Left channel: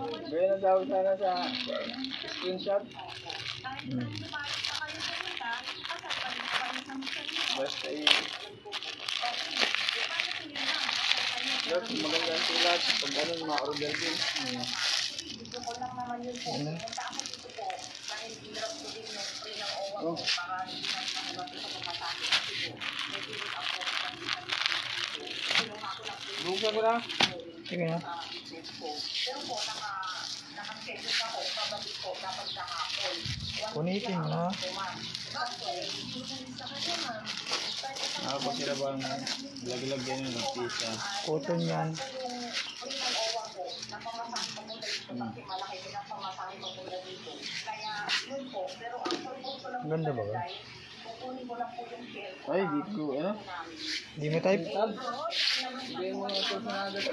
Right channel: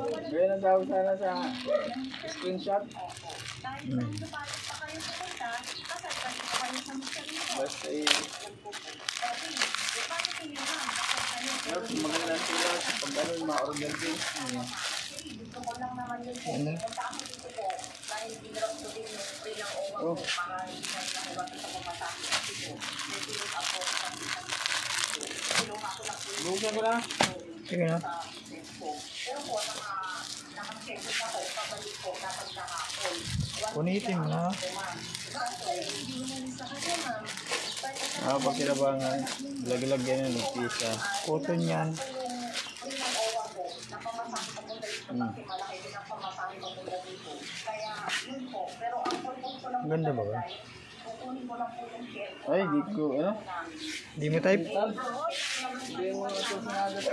Gaya na daw sana sa screenshot. Basta magandang sulat pag ganun ma-order din. Oh. Buka ko na. Sige na. Punitin mo na. Bakit ba nga lag-lag yan yung nagpisa? Cotton yan. Ganda ba ba? Ay, di ko, ano? Di mo type? Hindi mo na ito sinagat.